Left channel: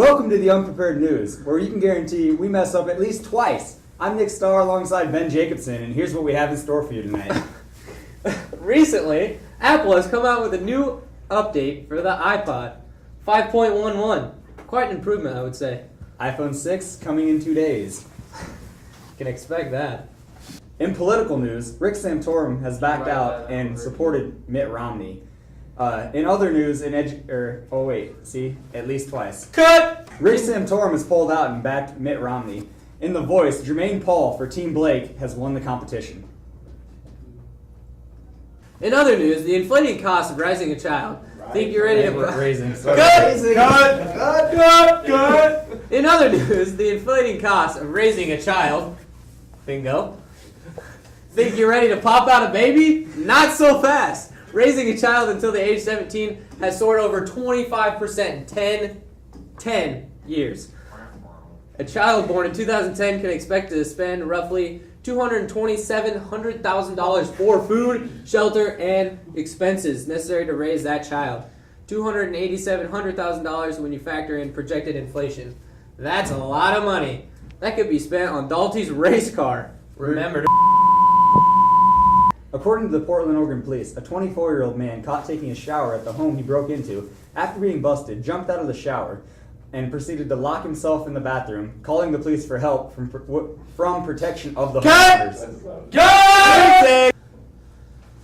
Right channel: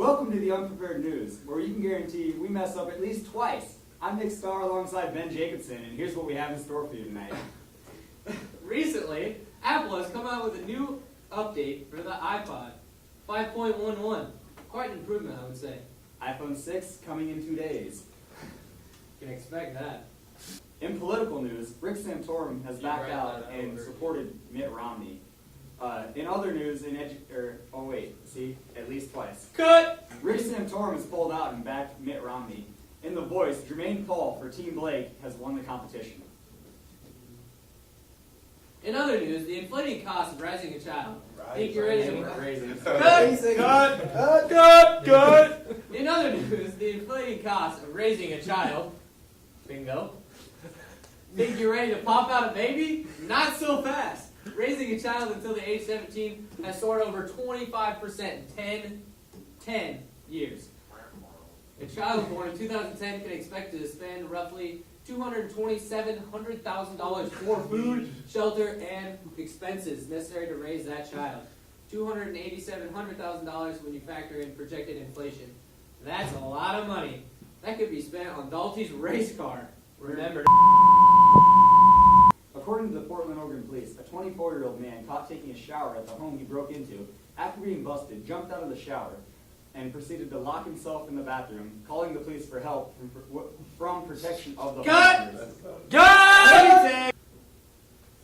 Welcome to the Unprepared News, where you can guarantee we mess up at least twice. I'm Nick Starr alongside Ben Jacobson, and here's what we have in store for you tonight. Recently, Apple has come out with a new update for the iPod, 5.11. Quite an improvement, I would say. iPhone 6 coming in 2 days. Can expect that. In political news, Rick Santorum has backed out and supported Mitt Romney. In other news, at least twice. Cut! Rick Santorum has pulled out and backed Mitt Romney. In The Voice, Jermaine Paul for Team Blake has won the competition. In other news, the inflating cost of raising a child. Think you're ready to... Raising. Cut! In other news, the inflating cost of raising a child. Bingo. Think you're ready to pop out a baby? Not so fast. Raising a child until the age of 17 has soared over 25% in 10 years. A child born in 2010 can expect to spend roughly $227,000 for food, shelter, and expenses necessary to raise that child. $287,000 when you factor in projected inflation. That's a lot of money. That could be spent on Dalty's race car. Remember to... According to the Portland, Oregon police, a 24-year-old man caught taking a shower at the home he broke into, after being busted, jumped out of the shower and proceeded to lock himself in the bathroom, calling the police for help from protection of the homeowners.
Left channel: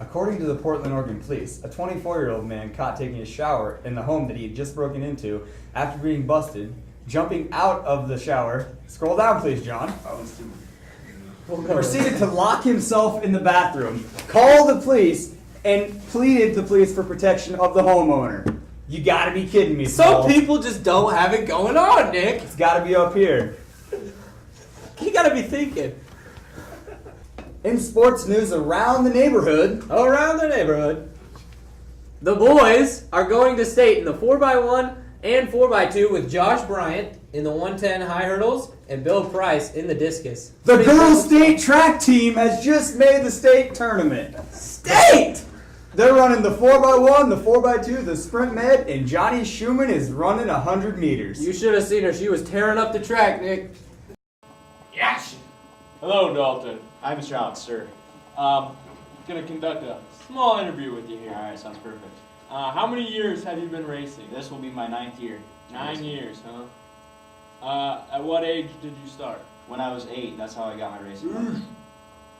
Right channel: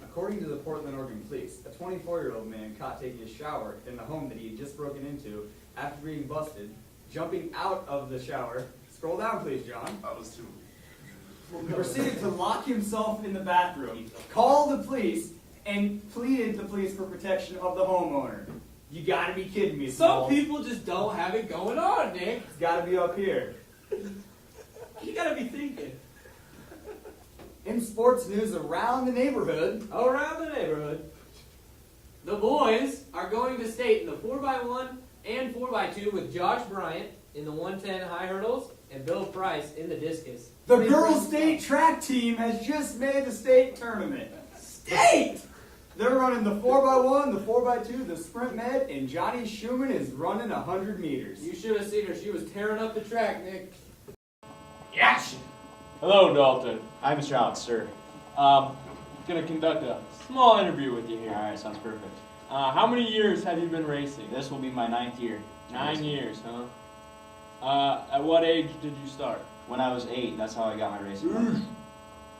According to the Portland, Oregon police, a 24-year-old man caught taking a shower in the home that he had just broken into, after being busted, jumping out of the shower. Scroll down, please, John. Proceeded to lock himself in the bathroom, called the police, and pleaded the police for protection of the homeowner. You gotta be kidding me, Some Paul. people just don't have it going on, Nick. It's gotta be up here. You gotta be thinking. In sports news around the neighborhood, The boys are going to state in the 4x1 and 4x2 with Josh Bryant in the 110 high hurdles and Bill Price in the discus. the girls' state track team has just made the state tournament. State! They're running the 4x1, the 4x2, the sprint med, and Johnny Schumann is running 100 meters. You should have seen her. She was tearing up the track, Nick. Yes! Hello, Dalton. Hi, Mr. Alex, sir. Gonna conduct a small interview with you here. Alright, sounds perfect. How many years have you been racing? This will be my 9th year. 9 years, huh? At what age did you start? When I was 8, that's how I got my racing license.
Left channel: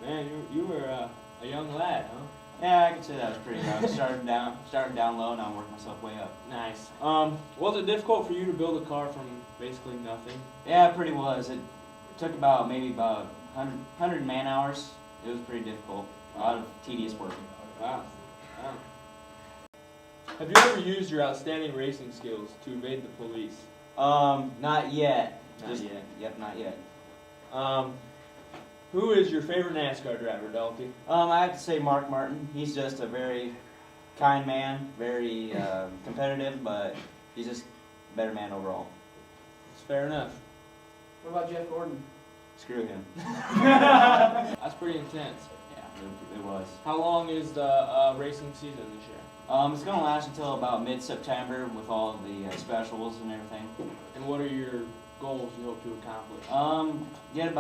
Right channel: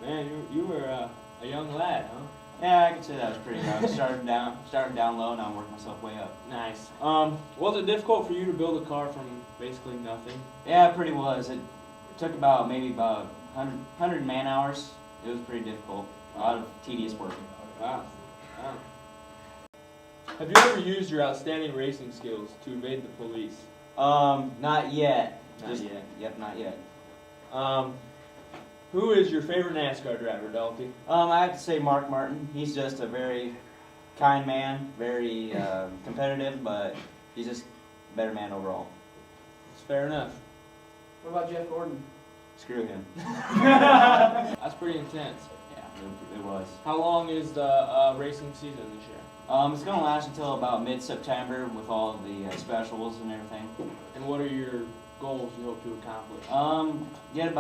Man, you were a young lad, huh? Yeah, I can say that was pretty young. Starting down low, now I'm working myself way up. Nice. Was it difficult for you to build a car from basically nothing? Yeah, it pretty was. It took maybe about 100 man hours. It was pretty difficult. A lot of tedious work. Wow. Have you ever used your outstanding racing skills to evade the police? Not yet. Not yet. Yep, not yet. Who is your favorite NASCAR driver, Dalty? I have to say Mark Martin. He's just a very kind man, very competitive, but he's just a better man overall. It's fair enough. What about Jeff Gordon? Screw him. That's pretty intense. Yeah, it was. How long is the racing season this year? It's going to last until about mid-September with all of the specials and everything. And what are your goals you hope to accomplish? Get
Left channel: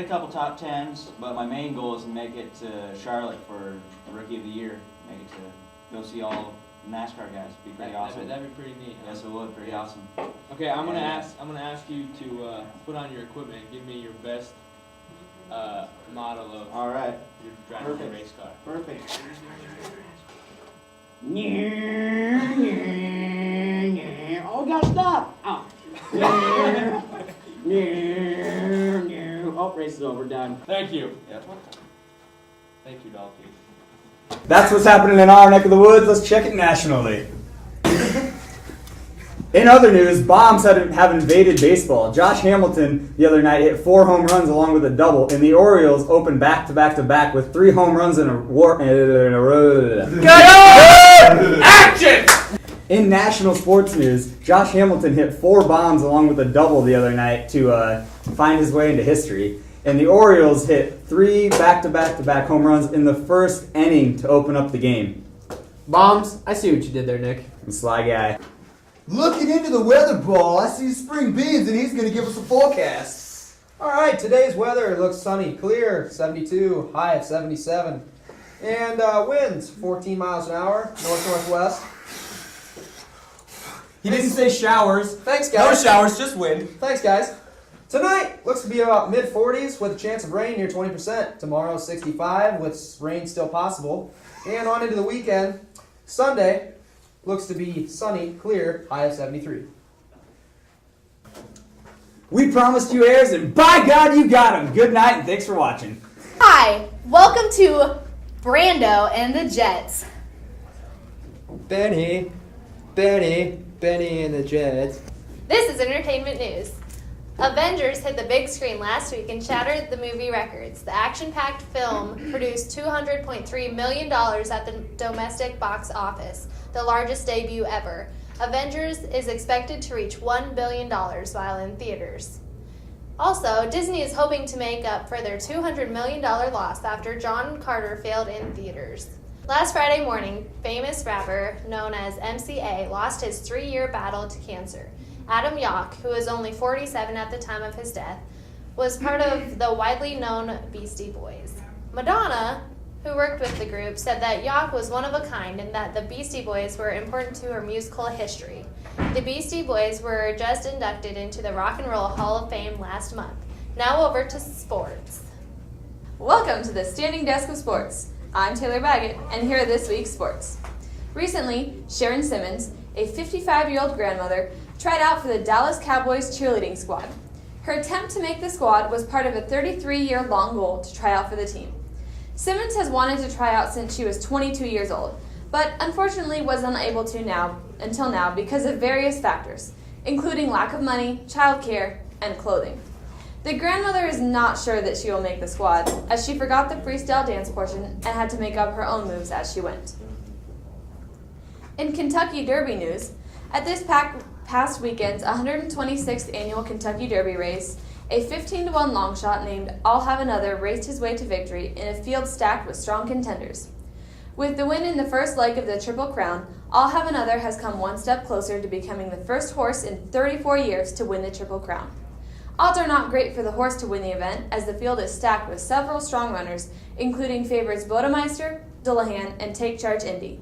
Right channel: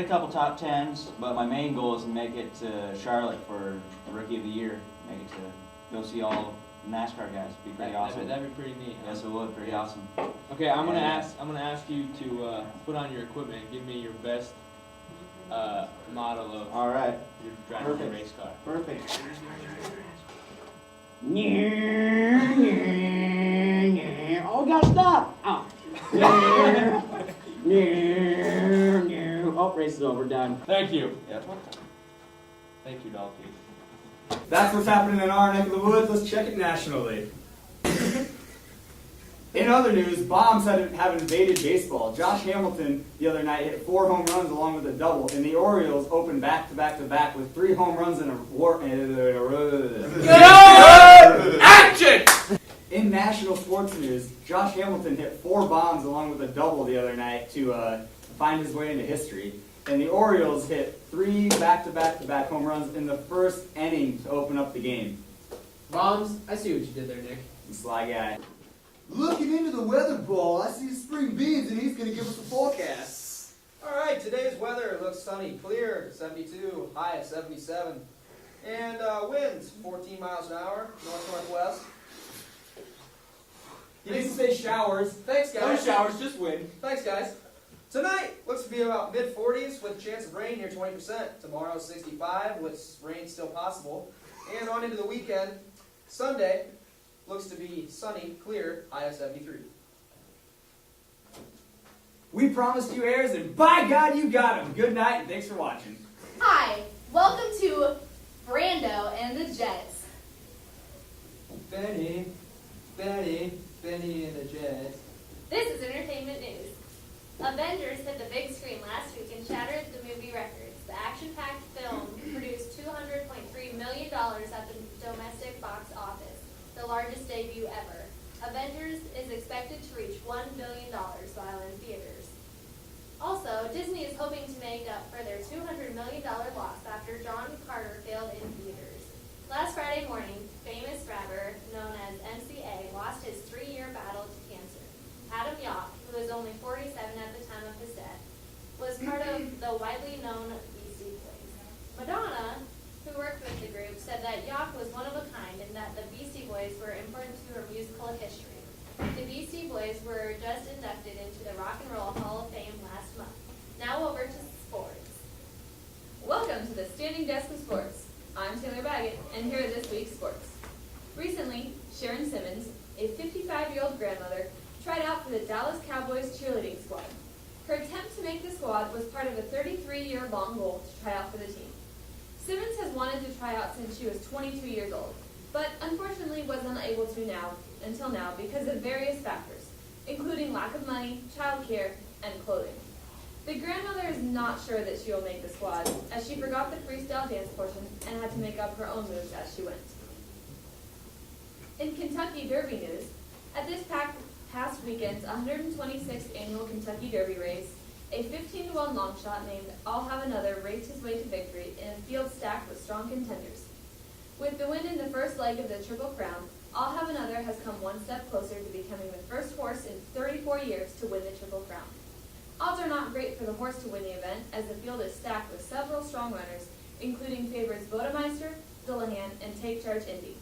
a couple top 10s, but my main goal is to make it to Charlotte for the Rookie of the Year. Make it to go see all the NASCAR guys. Be pretty awesome. That'd be pretty neat. Yes, it would. Pretty awesome. Okay, I'm gonna ask you to put on your equipment and give me your best model of All right. your driving a race car. Perfect. Oh, gotta stop! Oh. Oh, race is over, done. Thank you. Yep. Thank you, Dalton. That's what's happening in our neck of the woods. Let's check it nationally. In other news, bombs have invaded baseball. Josh Hamilton the other night hit 4 home runs along with a double, and the Orioles opened back-to-back-to-back with 3 home runs in a row. Action! In national sports news, Josh Hamilton hit 4 bombs along with a double the other night to find his way into history. And the Orioles hit 3 back-to-back-to-back home runs in the first inning to open up the game. Bombs, I see what you did there, Nick. And Sly Guy. Looking into the weather ball, I see Spring Beans and he's going to give us a forecast. Alright, today's weather looks sunny, clear, 72, high of 77. And winds, 14 miles an hour, north-northwest. He didn't say showers. Thanks, No guys. showers, just wind. Thanks, guys. Tonight looks to be about mid-40s with a chance of rain near 20%. Tomorrow, 65 with rain still possible. And on into the weekend, Sunday looks to be sunny, clear, high of 73. We promised you airs, and by God, you got them. Good night, and thanks for watching. Hi, welcome to Brando and the Jets. Benny and the Jets. This is entertainment news. Avengers hit the big screen last week and shattered the movie records. The action-packed film produced $200.3 million at the domestic box office, the largest debut ever. Avengers is expected to reach $1 billion while in theaters. Also, Disney is hoping to make up for their $200 million loss after John Carter failed in theaters. Last Friday morning, famous rapper known as MCA lost his 3-year battle to cancer. Adam Yauch, who was only 47 at the time of his death, was part of the widely known Beastie Boys. Madonna, who worked with the group, said that Yauch was one of a kind and that the Beastie Boys were important to her musical history. The Beastie Boys were just inducted into the Rock and Roll Hall of Fame last month. Now over to sports. Welcome to the Standing Desk of Sports. I'm Taylor Baggett, and here are this week's sports. Recently, Sharon Simmons, a 55-year-old grandmother, tried out for the Dallas Cowboys cheerleading squad. Her attempt to make the squad was part of a 33-year-long goal to try out for the team. Simmons has wanted to try out since she was 22 years old, but unfortunately was unable to until now because of various factors, including lack of money, childcare, and clothing. The grandmother is not sure that she will make the squad, as she forgot the freestyle dance portion and had to make up her own moves as she went. In Kentucky Derby news, at this past weekend's 126th annual Kentucky Derby race, a 15-to-1 long shot named I'll Have Another raced his way to victory in a field stacked with strong contenders. With the win in the first leg of the Triple Crown, I'll Have Another has come one step closer to becoming the first horse in 34 years to win the Triple Crown. Odds are not great for the horse to win the event, as the field is stacked with several strong runners, including favorites Bodemeister, Dullahan, and Take Charge Indy.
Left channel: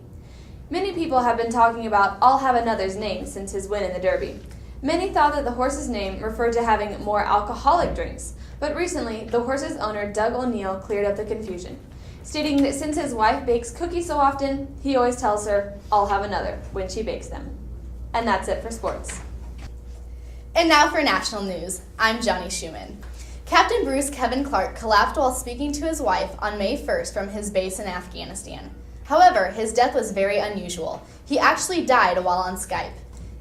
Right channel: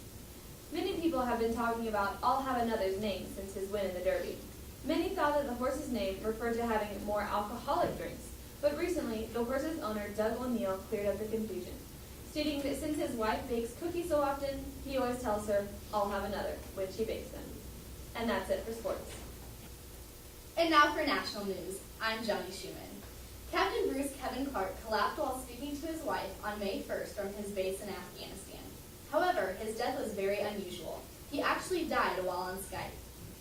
Many people have been talking about I'll Have Another's name since his win in the Derby. Many thought that the horse's name referred to having more alcoholic drinks, but recently the horse's owner, Doug O'Neill, cleared up the confusion, stating that since his wife bakes cookies so often, he always tells her, I'll have another, when she bakes them. And that's it for sports. And now for national news. I'm Johnny Schumann. Captain Bruce Kevin Clark collapsed while speaking to his wife on May 1st from his base in Afghanistan. However, his death was very unusual. He actually died while on Skype.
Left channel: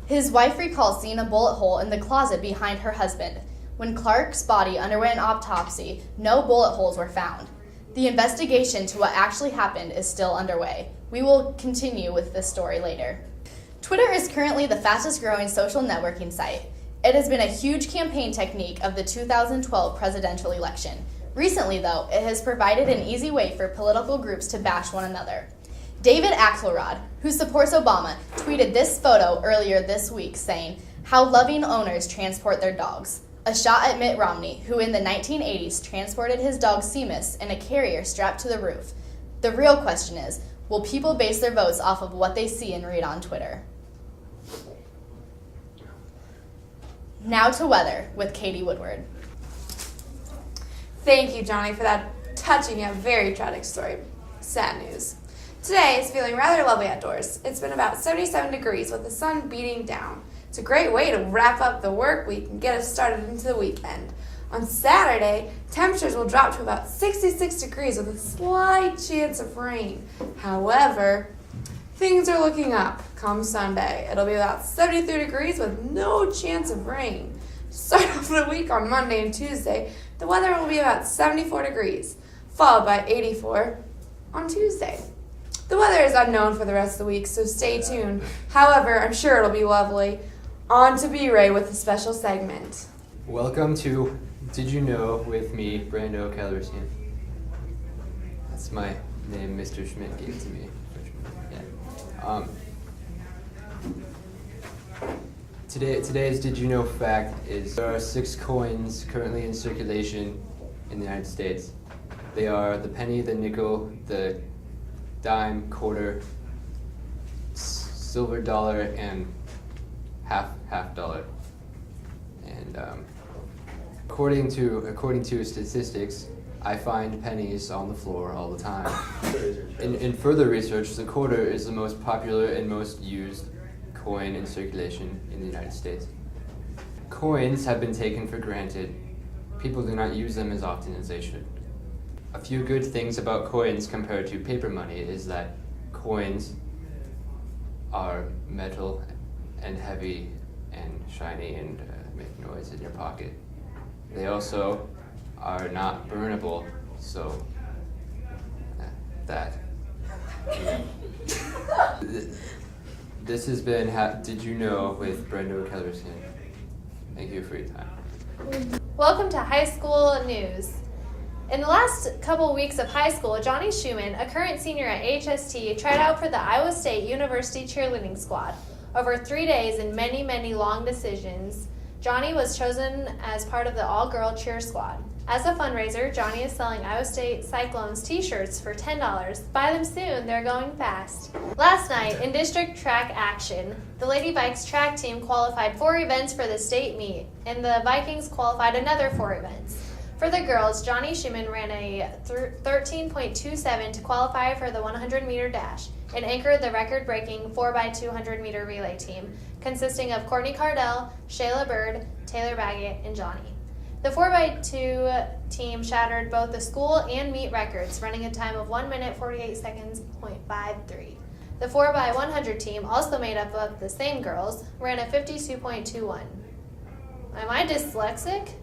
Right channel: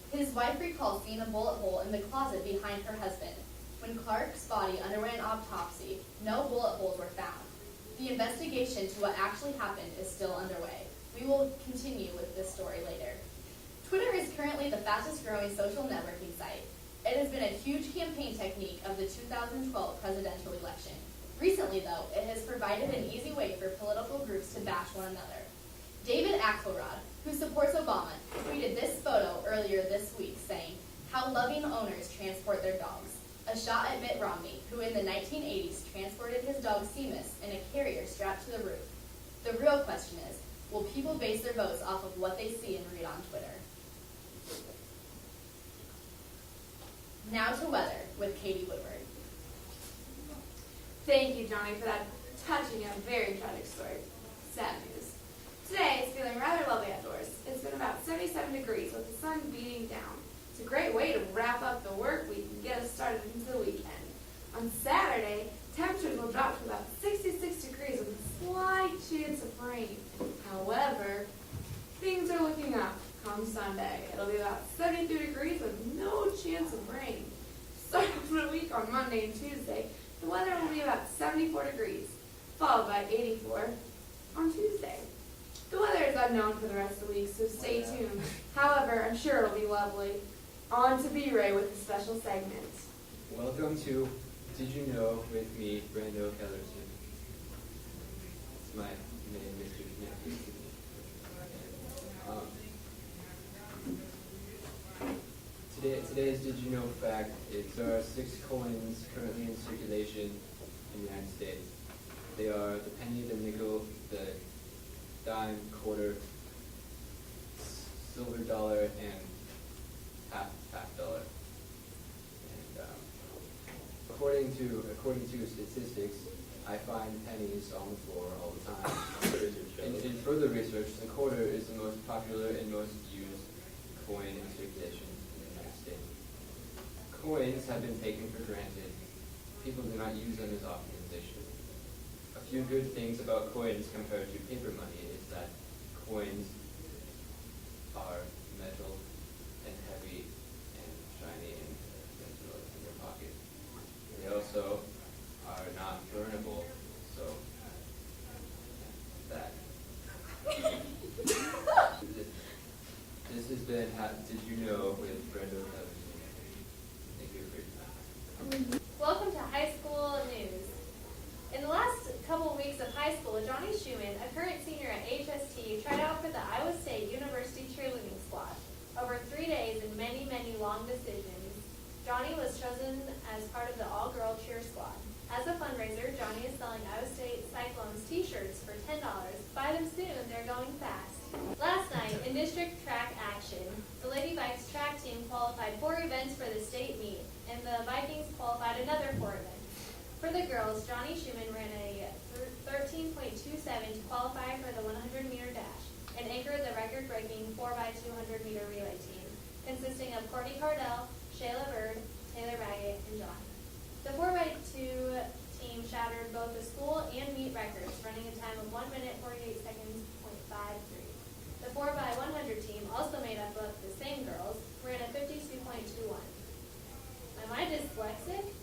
His wife recalls seeing a bullet hole in the closet behind her husband. When Clark's body underwent an autopsy, no bullet holes were found. The investigation to what actually happened is still underway. We will continue with this story later. Twitter is currently the fastest growing social networking site. It has been a huge campaign technique of the 2012 presidential election. Recently, though, it has provided an easy way for political groups to bash one another. David Axelrod, who supports Obama, tweeted this photo earlier this week saying, "How loving owners transport their dogs." A shot at Mitt Romney, who in the 1980s transported his dog Seamus in a carrier strapped to the roof. The real question is, will people base their votes off of what they see and read on Twitter? Now to weather with Katie Woodward. Thank you, Johnny, for that touching yet very tragic story. Sad news. Today is feeling rather lovely outdoors. It's been about 77 degrees with the sun beating down. It's a great way to wrap up the work week and get us started into the weekend. On Saturday, temperatures will drop to about 66 degrees with a slight chance of rain. However, things are looking up come Sunday. It'll be about 73 degrees with no chance of rain. To start off the week on Monday and Tuesday, the weather will be about 74 degrees, followed by 84 on Tuesday. The weather is unknown for the rest of the week, so stay tuned. However, I'm sure it'll be lovely. On to B-Ray with a special segment. Welcome to Did You Know with me, Brando Kellerton. That's my name Mr. Schmidt gave to me. Yeah. Today's Did You Know fact is there are 6 coins currently in circulation in the United States. They are the penny, the nickel, the dime, quarter, silver dollar, and half dollar. And according to statistics, I find pennies on the floor all the time. In further research, the quarter is the most popular and most used coin in circulation in the United States. Coins have been taken for granted. People do not use them as often as they should. A few good things about coins compared to paper money is that coins are metal and heavy and shiny and make noise in your pocket. They also are not burnable, so that. This has been Did You Know with Brendo Kellerson. Thank you for your time. Welcome to high school news. In the last couple weeks of high school, Johnny Schumann, a current senior at HST, tried out for the Iowa State University cheerleading squad. Over 3 days and many, many long decisions, Johnny was chosen as part of the all-girl cheer squad. As a fundraiser, Johnny is selling Iowa State Cyclones t-shirts for $10. Buy them soon, they're going fast. Last night, in district track action, the Lady Vikes track team qualified 4 events for the state meet, and the Vikings qualified another 4 events. For the girls, Johnny Schumann ran a 13.27 to qualify for the 100-meter dash and anchored the record-breaking 4x200 meter relay team, consisting of Courtney Cardell, Shayla Bird, Taylor Baggett, and Johnny. The 4x2 team shattered both the school and meet records, running a time of 1 minute 48 seconds, .53. The 4x100 team, also made up of the same girls, ran a 52.21. Am I dyslexic?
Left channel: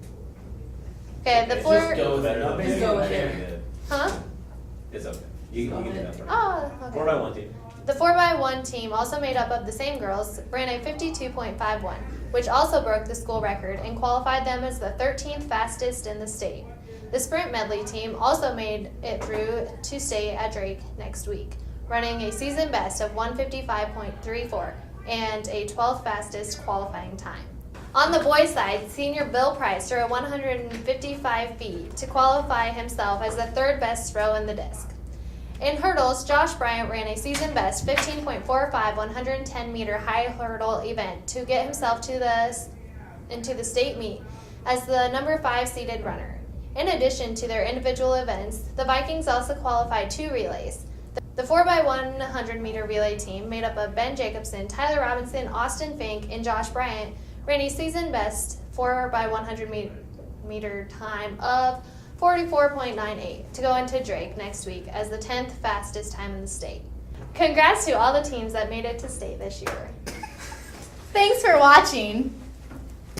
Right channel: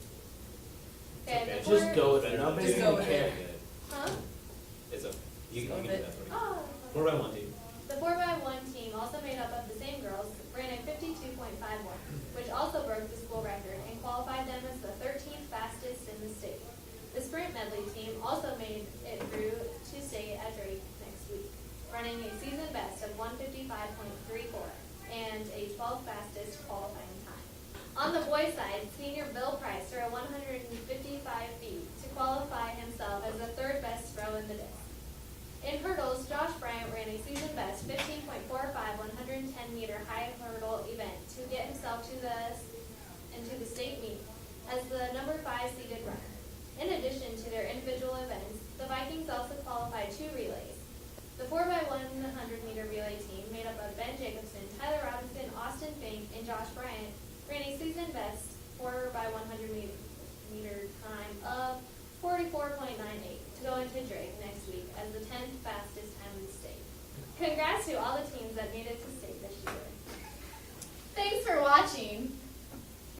Okay, the four. Just go with it. Just go with it. Huh? It's okay. You can get that. Oh, okay. 4x1 team. The 4x1 team, also made up of the same girls, ran a 52.51, which also broke the school record and qualified them as the 13th fastest in the state. The sprint medley team also made it through to state at Drake next week, running a season best of 155.34 and a 12th fastest qualifying time. On the boys' side, senior Bill Price threw a 155 feet to qualify himself as the 3rd best throw in the disc. In hurdles, Josh Bryant ran a season best 15.45 110-meter high hurdle event to get himself into the state meet as the number 5 seeded runner. In addition to their individual events, the Vikings also qualified 2 relays. The 4x100-meter relay team, made up of Ben Jacobson, Tyler Robinson, Austin Fink, and Josh Bryant, ran a season best 4x100-meter time of 44.98 to go into Drake next week as the 10th fastest time in the state. Congrats to all the teams that made it to state this year. Thanks for watching.